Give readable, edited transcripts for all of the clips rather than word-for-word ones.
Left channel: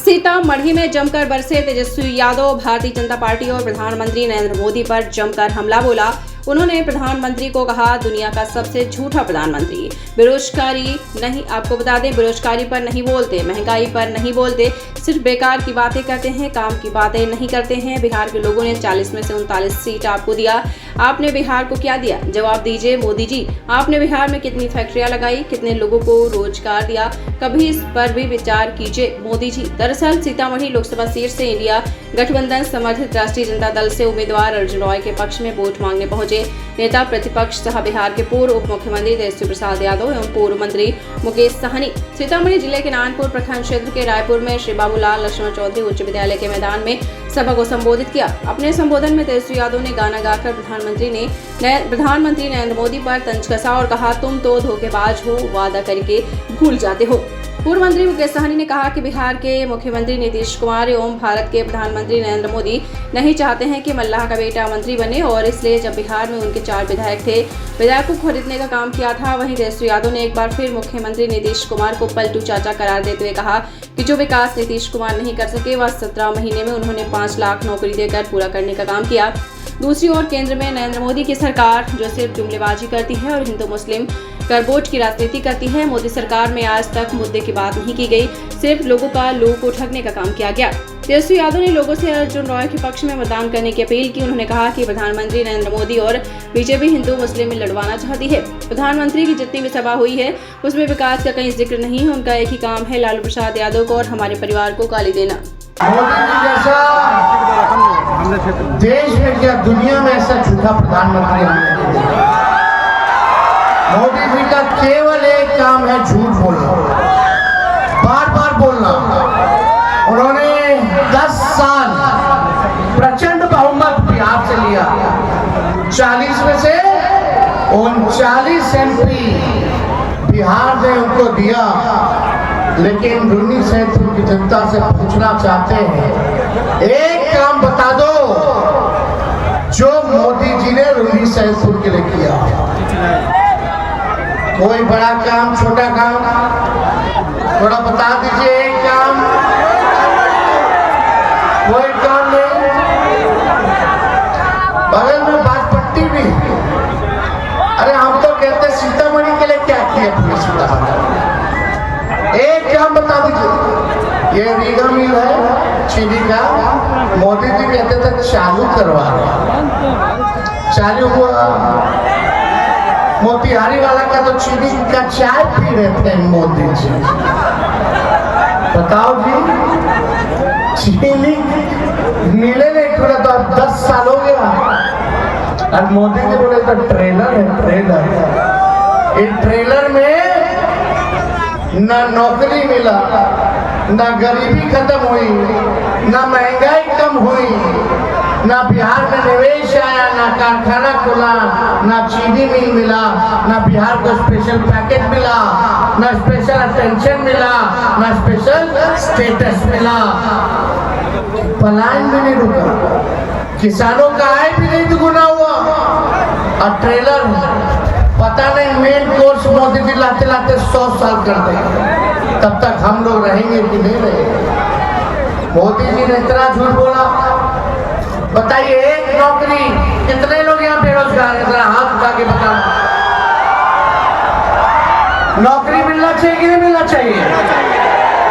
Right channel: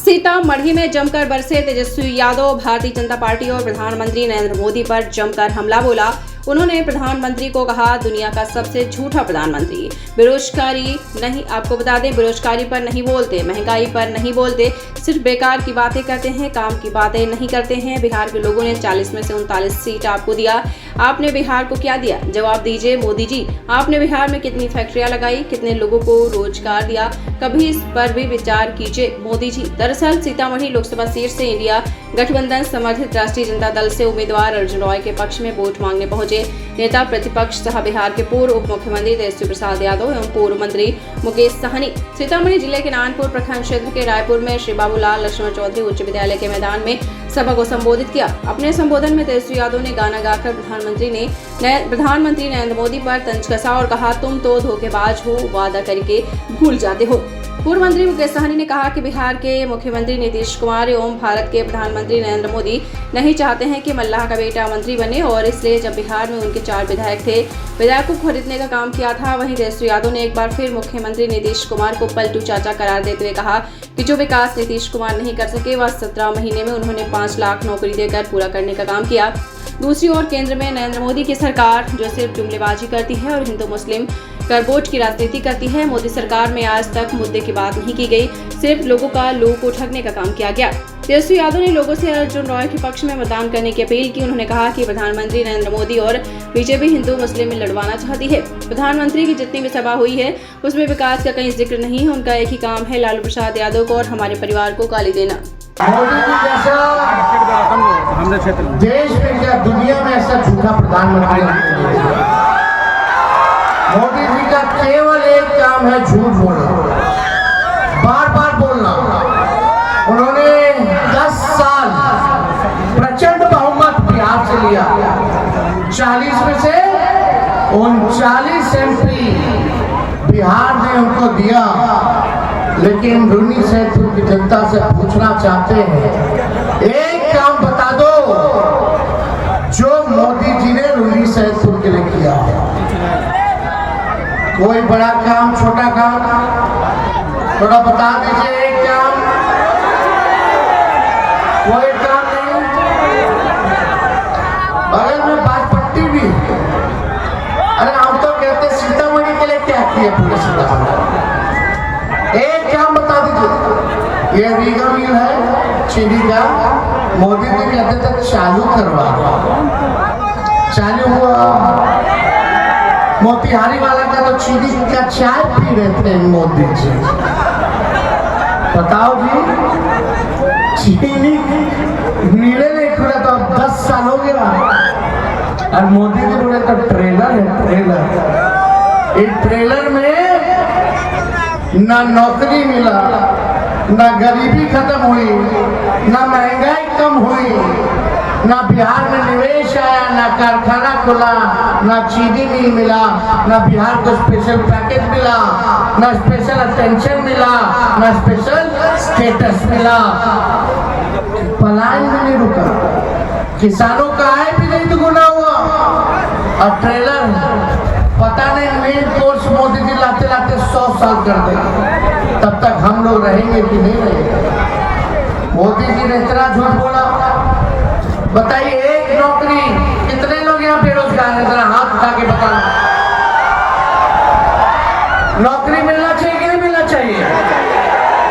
सीतामढ़ी में जमकर बरसे तेजस्वी यादव। भारतीय जनता पार्टी और प्रधानमंत्री नरेंद्र मोदी पर जमकर हमला बोला। उन्होंने प्रधानमंत्री को कहा, दुनिया का सबसे झूठा प्रधानमंत्री। बेरोजगारी नहीं, आपको बता दें, बेरोजगारी पर नहीं बोलते, महंगाई पर नहीं बोलते, सिर्फ बेकार की बातें करते हैं, काम की बातें नहीं करते हैं। बिहार के लोगों ने 40 में से 39 सीट आपको दिया, आपने बिहार को क्या दिया? जवाब दीजिए मोदी जी। आपने बिहार में कितनी फैक्ट्रियां लगाई, कितने लोगों को रोजगार दिया? कभी इस पर भी विचार कीजिए मोदी जी। दरअसल सीतामढ़ी लोकसभा सीट से इंडिया गठबंधन समर्थित राष्ट्रीय जनता दल से उम्मीदवार अर्जुन रॉय के पक्ष में वोट मांगने पहुंचे नेता प्रतिपक्ष सह बिहार के पूर्व उप मुख्यमंत्री तेजस्वी प्रसाद यादव एवं पूर्व मंत्री मुकेश सहनी सीतामढ़ी जिले के नानपुर प्रखंड क्षेत्र के रायपुर में श्री बाबूलाल लक्ष्मण चौधरी उच्च विद्यालय के मैदान में सभा को संबोधित किया। अपने संबोधन में तेजस्वी यादव ने गाना गाकर प्रधानमंत्री नरेंद्र मोदी पर तंज कसा और कहा, तुम तो धोखेबाज हो, वादा करके भूल जाते हो। पूर्व मंत्री मुकेश सहनी ने कहा कि बिहार के मुख्यमंत्री नीतीश कुमार एवं भारत के प्रधानमंत्री नरेंद्र मोदी नहीं चाहते हैं कि मल्लाह का बेटा मंत्री बने, और इसलिए जब बिहार में उनके 4 विधायक थे, विधायकों को खरीदने का काम किया था। वहीं तेजस्वी यादव ने एक बार फिर मुख्यमंत्री नीतीश कुमार को पलटू चाचा करार देते हुए कहा कि जो विकास नीतीश कुमार नहीं कर सके, वह 17 महीने में उन्होंने 5 लाख नौकरी देकर पूरा करने का काम किया। दूसरी ओर केंद्र में नरेंद्र मोदी की सरकार जो सिर्फ जुमलेबाजी करती है और हिंदू मुस्लिम करवोट की राजनीति करती है। मोदी सरकार में आज तक मुद्दे की बात नहीं की गई, सिर्फ लोगों का लू को ठगने का काम किया गया। तेजस्वी यादव ने लोगों से अर्जुन रॉय के पक्ष में मतदान करने की अपील की। उन्होंने कहा कि प्रधानमंत्री नरेंद्र मोदी और बीजेपी हिंदू मुस्लिम में लड़वाना चाहती है। प्रधानमंत्री की जितनी भी सभा हुई है उसमें विकास का कहीं जिक्र नहीं है। उनका एक ही काम है, लालू प्रसाद यादव को और हमारे परिवार को गाली देना। देश में क्या दुनिया में ऐसा झूठा प्रधानमंत्री नहीं है। मोदी जी का केवल एक काम है, झूठ बोलना, बार बार बोलना। उन्होंने 10 साल प्रचंड बहुमत बिहार से लिया, 40 में से 39 MP बिहार ने उनको दिया। लेकिन रूनी से की जनता से पूछना चाहते हैं, एक काम बता दो जो मोदी जी ने रूनी सैदपुर के लिए किया। कोई बड़ा काम, छोटा काम, थोड़ा बता दीजिए। एक काम, कोई काम नहीं। बगल में बाजपट्टी भी, अरे हम तो कहते सीतामढ़ी के लिए क्या किया पुलिस ने? एक काम बता दीजिए। ये रीगा मिल है चीनी का, मोदी जी कहते थे चालू करवा, चालू हुआ। मोतिहारी वाला का तो चीनी का चाय पी रहे थे मोदी जी। बताओ जी, चीनी मिले नहीं पूरा, तो अब 10 साल हो गया। और मोदी जी बोले तो ट्रेलर है, ट्रेलर। इस ट्रेलर में ना नौकरी मिला, ना गरीबी खत्म हुई, ना महंगाई कम हुई, ना बिहार में निवेश आया, ना कारखाना खुला, ना चीनी मिल मिला, ना बिहार को स्पेशल पैकेज मिला, ना स्पेशल अटेंशन मिला, ना स्पेशल स्टेटस मिला। पलायन भी नहीं रुका, किसानों का आय भी नहीं दुगुना हुआ। और ट्रेलर पता नहीं मेन कोर्स मोदी जी लाते लाते 100 साल कर देंगे, तब तक हम लोग रहेंगे कि नहीं रहेंगे? मोदी जी ने इतना झूठ बोला। बताइए, एक नौकरी, कितने लोग यहाँ बेरोजगार हैं? जरा हाथ उठा के बताना। नौकरी मिलना चाहिए कि नहीं मिलना चाहिए?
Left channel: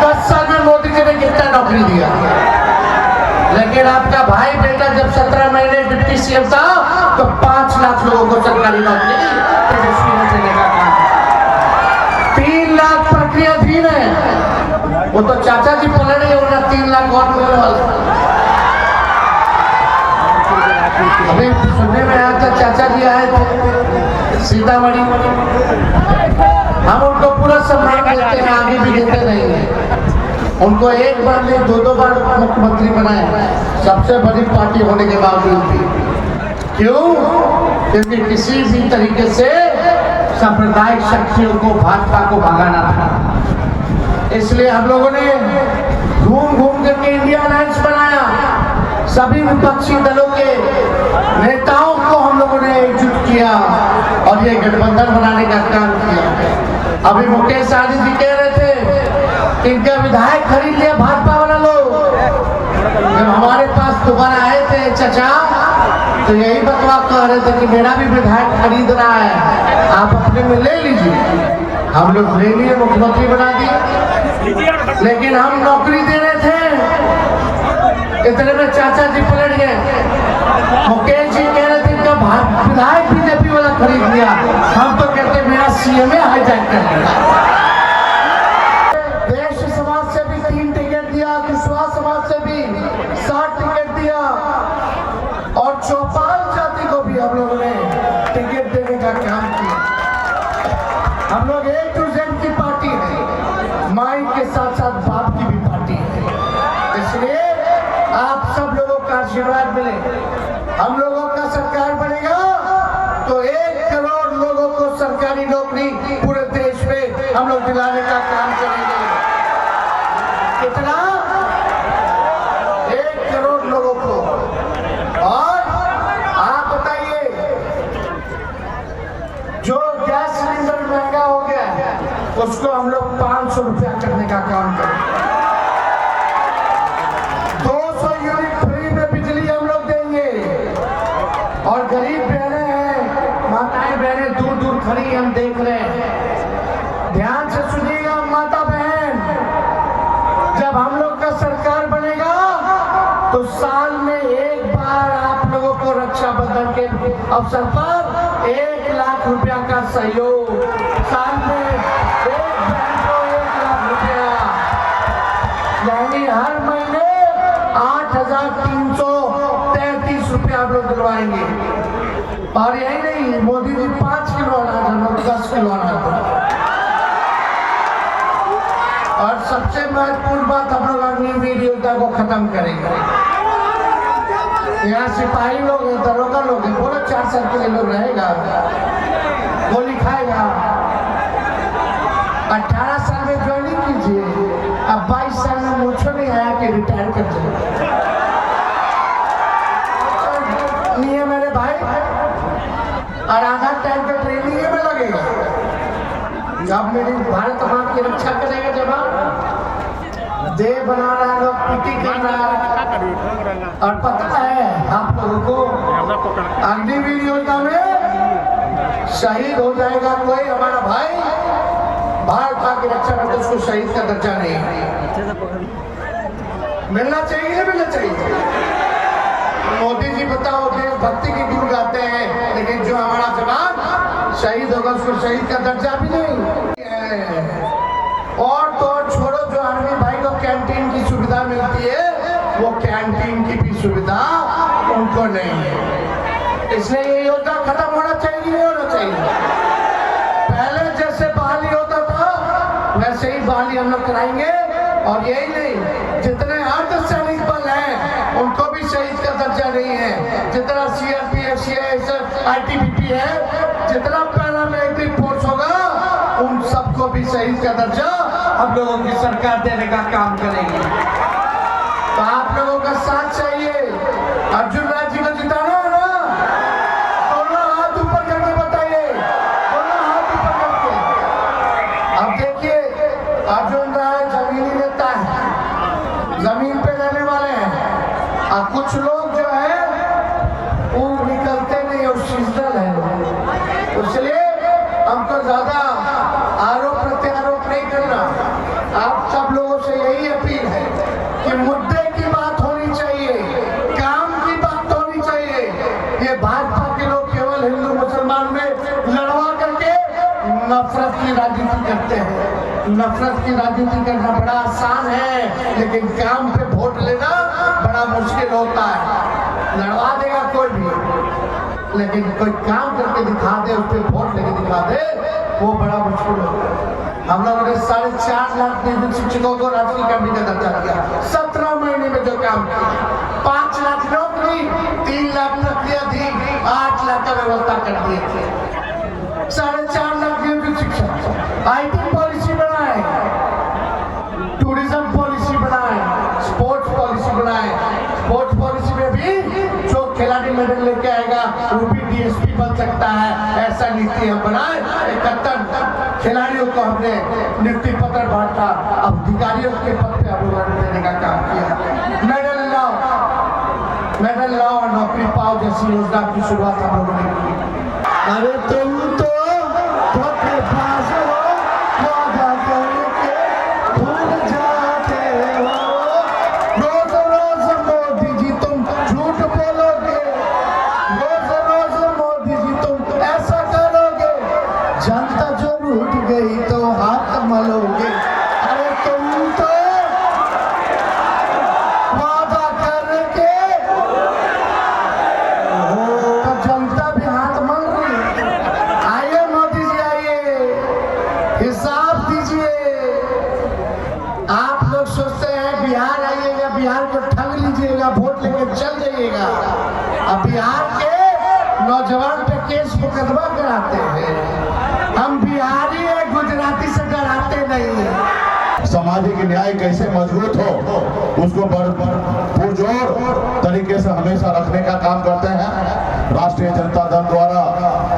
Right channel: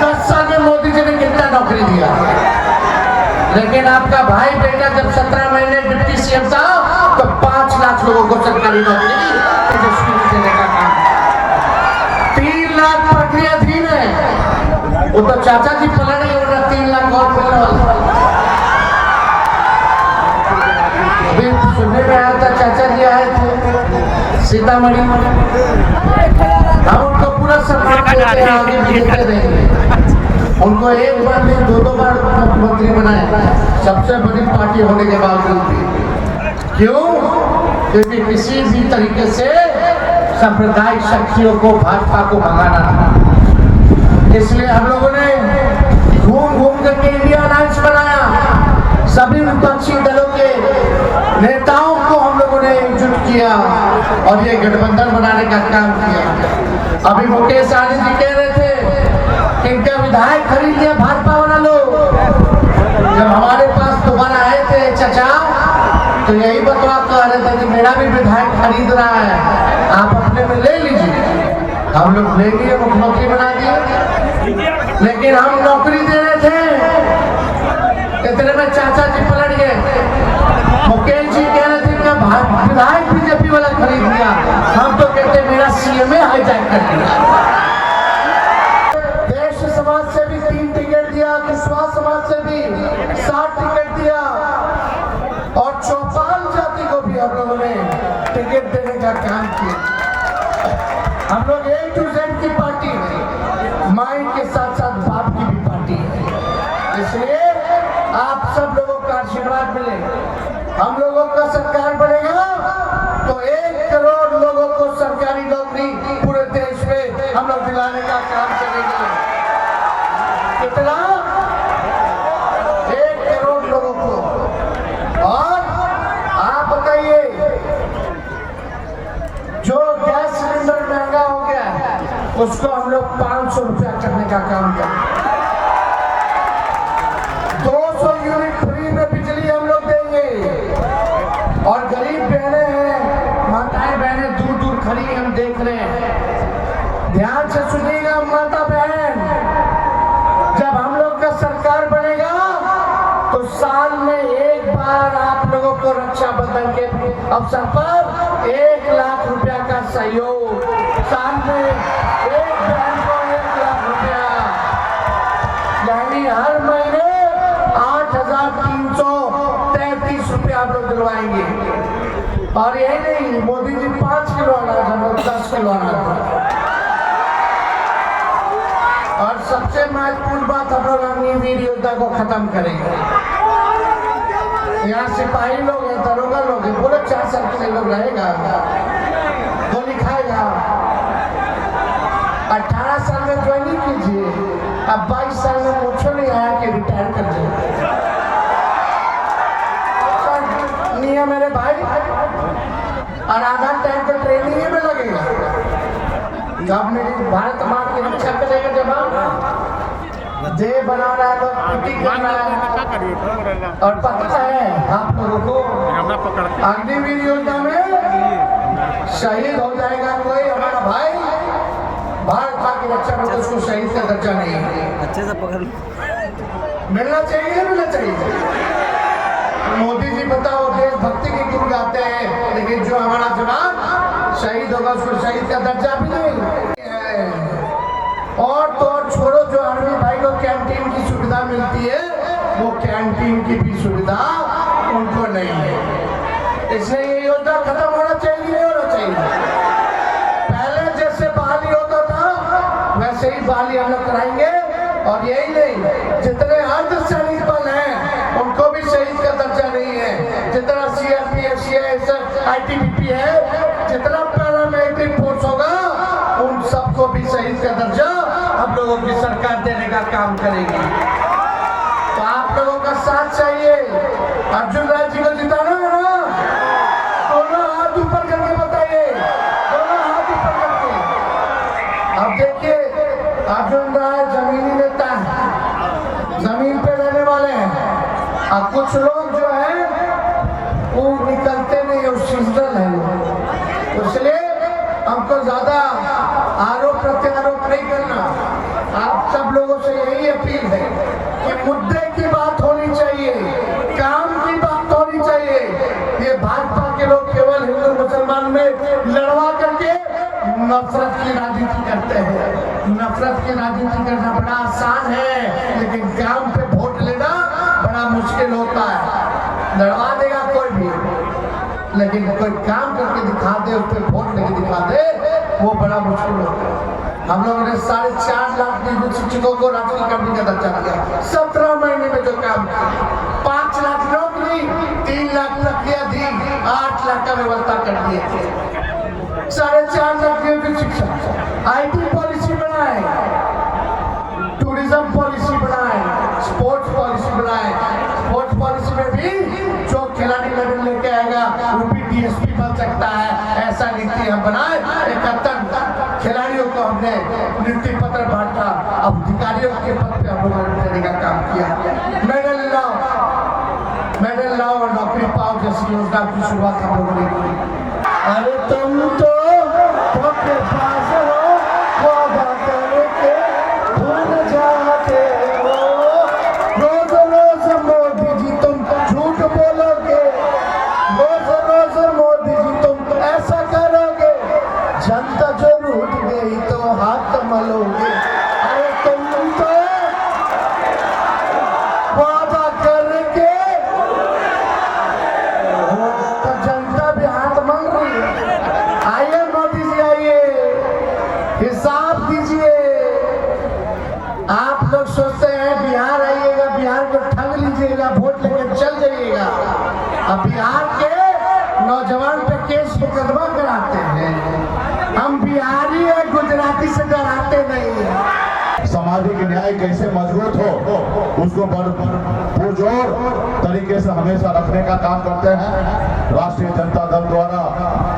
10 साल में मोदी जी ने कितना नौकरी दिया? लेकिन आपका भाई बेटा जब 17 महीने डिप्टी सीएम था तो 5 लाख लोगों को सरकारी नौकरी तेजस्वी ने देने का काम। 3 लाख प्रक्रियाधीन है, वो तो चाचा जी पलट गए, उन्हें 3 लाख और मिलने वाला। अभी सुनने में आया था, चाचा जी आए थे सीतामढ़ी, हम उनको पूरा सम्मान देते हैं, आगे भी देते रहेंगे। उनको एक बार नहीं 2-2 बार मुख्यमंत्री बनाए, सबसे बड़ी पार्टी होने के बावजूद भी। क्यों? क्योंकि किसी भी तरीके से सांप्रदायिक शक्तियों को, भाजपा को भगाना था। इसलिए हम लोगों ने घूम घूम करके इंडिया अलायंस बनाया। सभी विपक्षी दलों के नेताओं को हम लोगों ने एकजुट किया और ये गठबंधन बनाने का काम किया। अभी मुकेश सहनी जी कह रहे थे, इनका विधायक खरीद लिया भाजपा वाला हम लोग ले लिए, मुख्यमंत्री बना दिए, लेकिन हम नौकरी दे रहे थे, इतने में चाचा जी पलट गए। मुकेश जी कह रहे थे इनका विधायक बीजेपी वाला खरीद लिया, हम तो कहते मेरा सीएम हाईजैक कर लिया। देश समाज से भी 3 टिकट दिया, विश्वास समाज से भी 7 टिकट दिया, और चौपाल जाति को भी हम लोगों ने टिकट देने का काम किया। हम लोग A to Z की पार्टी है, माई के साथ साथ बाप की भी पार्टी है, इसलिए आप सब लोगों का आशीर्वाद मिले। हम लोगों का सरकार बनेगा तो 1 करोड़ लोगों को सरकारी नौकरी पूरे देश में हम लोग दिलाने का काम करेंगे। कितना? 1 करोड़ लोगों को। और आप बताइए, जो गैस सिलेंडर महंगा हो गया है उसको हम लोग 500 रुपया करने का काम करेंगे। 200 यूनिट फ्री में बिजली हम लोग देंगे। और गरीब बहनें हैं, माताएं बहनें दूर दूर खड़ी, हम देख रहे हैं, ध्यान से सुनिएगा माता बहन, जब हम लोग का सरकार बनेगा तो साल में 1 बार आप लोगों को रक्षाबंधन के अवसर पर 1 लाख रुपया का सहयोग, साल में 1 बहन को 1 लाख रुपया, यानी हर महीने 8,333 रुपया आप लोग दिलवाएंगे। और यही नहीं, मोदी जी 5 किलो अनाज हम लोग 10 किलो अनाज। और सबसे महत्वपूर्ण बात, हम लोग अग्निवीर योजना को खत्म करेंगे। यहाँ सिपाही लोग हैं, दरोगा लोग हैं, बोले 4 साल के लिए लोग रहेगा, गोली खाएगा। 18 साल में ज्वाइनिंग कीजिए, अब 22 साल में मोछो नहीं आया कि रिटायर कर जाए। नहीं है मेरे भाई, और आधा टाइम तो ट्रेनिंग में लगेगा। जब मेरी भारत माँ की रक्षा करेगा, जब देह बना रहा है, लोग पीटी कर रहा है। और पता है आप लोगों को, अग्निवीर योजना में शहीद हो जाएगा कोई हमारा भाई, भारत माँ की रक्षा में, तो उसको शहीद का दर्जा नहीं है। अच्छे से पकड़ मिलना चाहिए, मिलना चाहिए। मोदी जी बताओ देशभक्ति के गीत गाते हैं, लेकिन जो हमारा जवान शहीद होगा उसको शहीद का दर्जा भी नहीं है। और तो और छोड़ो, जो आर्मी भाई को कैंटीन की सुविधा मिलती है, वो कैंटीन की भी सुविधा उनको नहीं है। इसलिए ये योजना खत्म होना चाहिए, नहीं होना चाहिए। पहले जैसे बहाली होता था वैसे ही बहाली हम लोग कराएंगे। और यही नहीं, जितने अर्धसैनिक बल हैं उनको भी शहीद का दर्जा नहीं है। जितना CRPF, CISF, ITBP है, जितना पैरामिलिट्री फोर्स होगा, उन सबको भी शहीद का दर्जा हम लोगों की सरकार देने का काम करेगी। तो आप लोगों का साथ चाहिए। अर्जुन राज जी को जिताना हो ना, दोनों हाथ ऊपर करके बताइए, दोनों हाथ ऊपर करके। अब देखिए, अर्जुन राज जमीनी नेता है, जमीन पे रहने वाले हैं, और कुछ लोग जो है वो निकलते नहीं, वो सीजनल है। इसलिए हमको ज्यादा आरोप प्रत्यारोप नहीं करना। आप सब लोगों से यही अपील है कि मुद्दे की बात होनी चाहिए, काम की बात होनी चाहिए। ये भाजपा के लोग केवल हिंदू मुसलमान में लड़वा करके नफरत की राजनीति करते हैं। नफरत की राजनीति करना बड़ा आसान है, लेकिन काम पे वोट लेना बड़ा मुश्किल होता है। लड़वा देगा कोई भी, लेकिन कोई काम करके दिखा दे, उस पर वोट लेके दिखा दे, वो बड़ा मुश्किल होता है। हम लोगों ने 4.5 लाख नियोजित शिक्षकों को राजकीय कर्मी का दर्जा दिया, 17 महीने में जो काम किया। 5 लाख नौकरी, 3 लाख प्रक्रिया दी, 8 लाख का व्यवस्था कर दिए थे। 4.5 लाख नियोजित शिक्षक, IT पॉलिसी बनाए, टूरिज्म पॉलिसी बनाए, स्पोर्ट्स पॉलिसी बनाए। स्पोर्ट्स पॉलिसी में भी जो खिलाड़ी मेडल लेके आएगा वो भी DSP बन सकता है, ऐसा नीति हम बनाए। 71 खिलाड़ियों को हमने नियुक्ति पत्र बांटा, अब अधिकारियों के पद पे हम लोगों ने देने का काम किया। मेडल लाओ और नौकरी पाओ जैसी योजना की शुरुआत हम लोगों ने की। अरे तुम तो पास हो, बिहार को ठग लीजिएगा, वोट लेके चल जाइएगा। अब बिहार के नौजवान पे केस मुकदमा कराते हैं। हम बिहारी है, गुजराती से डराते नहीं हैं। सामाजिक न्याय कैसे मजबूत हो उसको पुरजोर तरीके से हमेशा रखने का काम करते हैं। राष्ट्रीय जनता दल द्वारा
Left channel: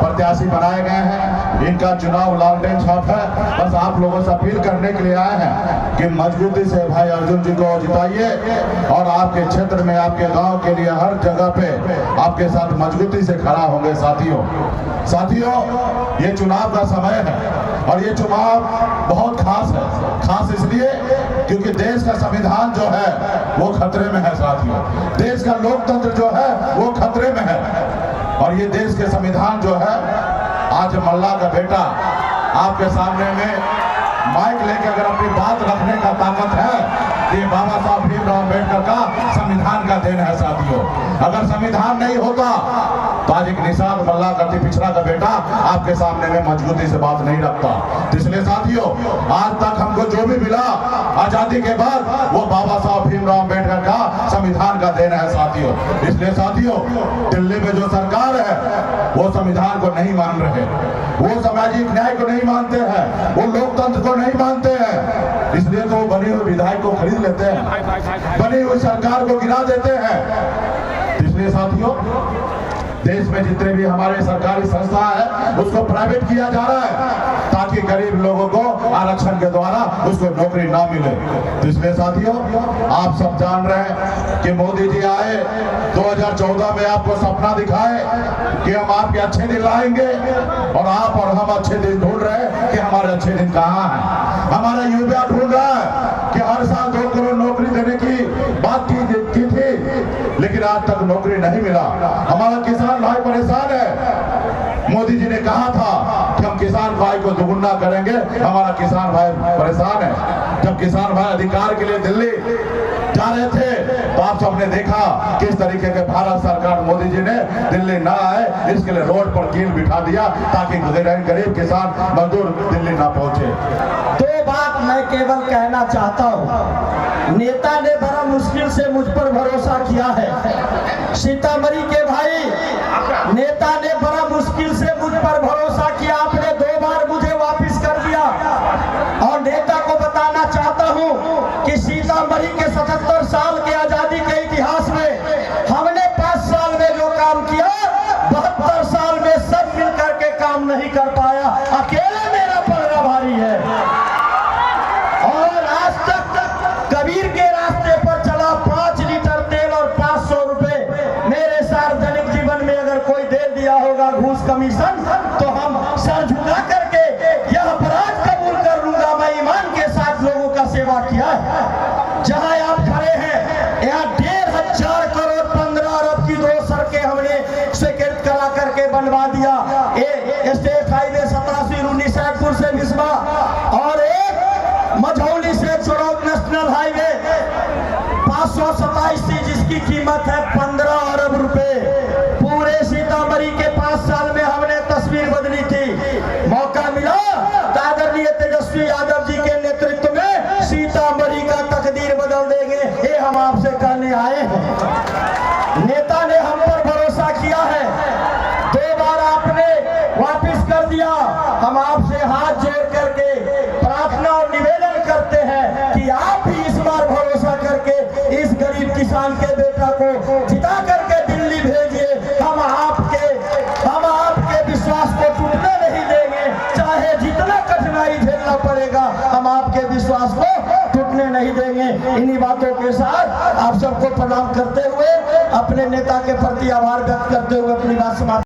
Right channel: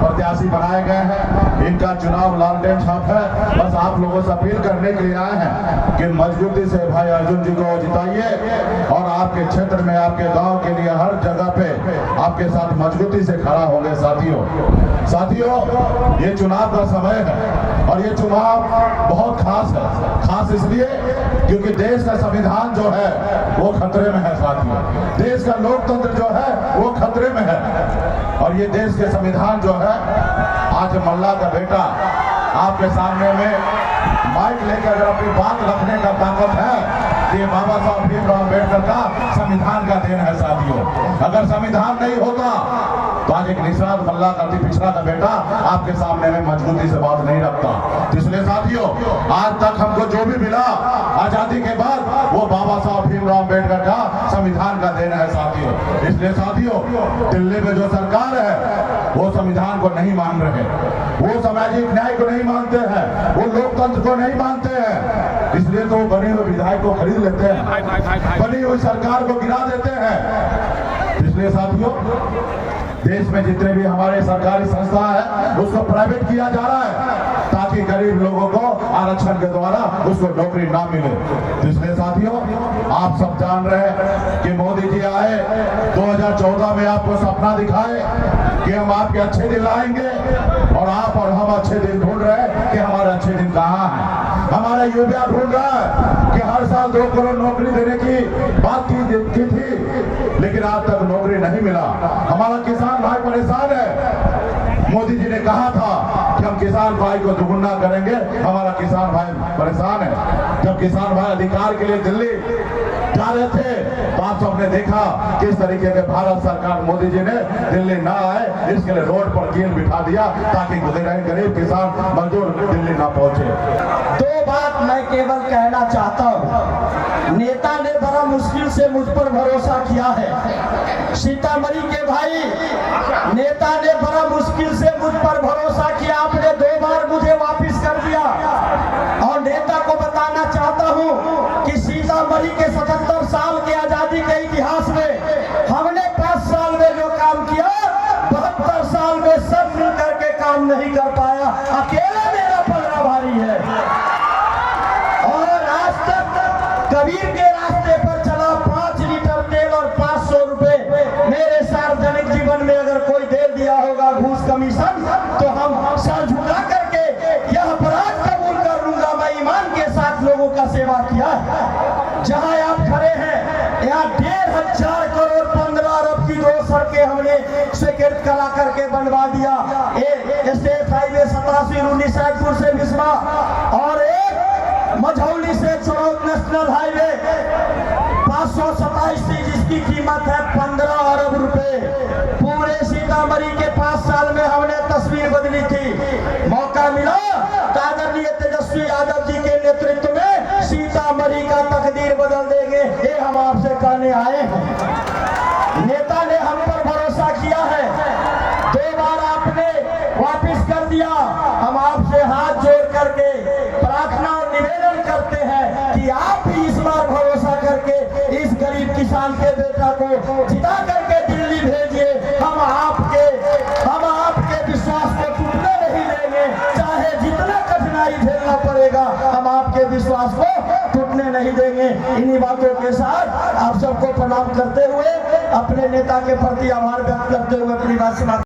प्रत्याशी बनाए गए हैं, इनका चुनाव लॉन्ग रेंज छाप है। बस आप लोगों से अपील करने के लिए आए हैं कि मजबूती से भाई अर्जुन जी को जिताइए और आपके क्षेत्र में, आपके गांव के लिए हर जगह पे आपके साथ मजबूती से खड़ा होंगे। साथियों ये चुनाव का समय है और ये चुनाव बहुत खास है। खास इसलिए क्योंकि देश का संविधान जो है वो खतरे में है। साथियों, देश का लोकतंत्र जो है वो खतरे में है और ये देश के संविधान जो है, आज मल्ला का बेटा आपके सामने में माइक लेकर अगर अपनी बात रखने का ताकत है तो ये बाबा साहब भीमराव अम्बेडकर का संविधान का देन है। साथियों, अगर संविधान नहीं होता तो आज एक निषाद मल्ला का पिछड़ा का बेटा आपके सामने में मजबूती से बात नहीं रखता। इसलिए साथियों, आज तक हमको जो भी मिला आजादी के बाद वो बाबा साहब भीमराव अम्बेडकर का संविधान का देन है। साथियों, इसलिए साथियों, दिल्ली में जो सरकार है वो संविधान को नहीं मान रहे, वो सामाजिक न्याय को नहीं मानते हैं, वो लोकतंत्र को नहीं मानते हैं। इसलिए तो वो बनी हुई विधायक को खरीद लेते हैं, बनी हुई सरकार को गिरा देते हैं। इसलिए साथियों, देश में जितने भी हमारे सरकारी संस्था है उसको प्राइवेट किया जा रहा है ताकि गरीब लोगों को आरक्षण के द्वारा उसको नौकरी ना मिले। तो इसलिए साथियों, आप सब जान रहे हैं कि मोदी जी आए 2014 में, आपको सपना दिखाए कि हम आपके अच्छे दिन लाएंगे और आप और हम अच्छे दिन ढूंढ रहे हैं कि हमारे अच्छे दिन कहाँ हैं। हमारा युवा ढूंढ रहा है कि हर साल 2 करोड़ नौकरी देने की बात की थी, लेकिन आज तक नौकरी नहीं मिला। हमारा किसान भाई परेशान है। मोदी जी ने कहा था कि हम किसान भाई को दुगुना करेंगे, हमारा किसान भाई परेशान है। जब किसान भाई अधिकार के लिए दिल्ली जा रहे थे तो आप सबने देखा किस तरीके के भारत सरकार मोदी जी ने दिल्ली ना आए इसके लिए रोड पर कील बिठा दिया ताकि गरीब किसान मजदूर दिल्ली ना पहुंचे। दो बात मैं केवल कहना चाहता हूँ। नेता ने बड़ा मुश्किल से मुझ पर भरोसा किया है। सीतामढ़ी के भाई, नेता ने बड़ा मुश्किल से मुझ पर भरोसा किया, आपने 2 बार मुझे वापस कर दिया। और नेता को बताना चाहता हूँ कि सीतामढ़ी के 77 साल के आजादी के इतिहास में हमने 5 साल में जो काम किया 72 साल में सब मिलकर के काम नहीं कर पाया। अकेले मेरा पलड़ा भारी है। और आज तक कबीर के रास्ते पर चला 5 लीटर तेल और 500 रुपए मेरे सार्वजनिक जीवन में अगर कोई दे दिया होगा घूस कमीशन तो हम सर झुका करके यह अपराध कबूल कर लूंगा। मैं ईमान के साथ लोगों का सेवा किया है। जहां आप खड़े हैं यहाँ 1,500 करोड़ 15 अरब की 2 सड़कें हमने स्वीकृत करा करके बनवा दिया। स्टेट हाईवे 87 रूनीसैदपुर से बिस्वा और एक मझौली से चुरौत नेशनल हाईवे 527 थी जिसकी कीमत है 15 अरब रुपए। पूरे सीतामढ़ी के 5 साल में हमने तस्वीर बदली थी। मौका मिला तो आदरणीय तेजस्वी यादव जी के नेतृत्व में सीतामढ़ी का तकदीर बदल देंगे, ये हम आपसे कहने आए हैं। नेता ने हम पर भरोसा किया है, 2 बार आपने वापिस कर दिया। हम आपसे हाथ जोड़ करके प्रार्थना और निवेदन करते हैं कि आप भी इस बार भरोसा करके इस गरीब किसान के बेटा को जिता करके दिल्ली भेजिए। हम आपके विश्वास को टूटने नहीं देंगे, चाहे जितना कठिनाई झेलना पड़ेगा हम आपके विश्वास को टूटने नहीं देंगे। इन्हीं बातों के साथ आप सबको प्रणाम करते हुए, अपने नेता के प्रति आभार व्यक्त करते हुए अपनी बात समाप्त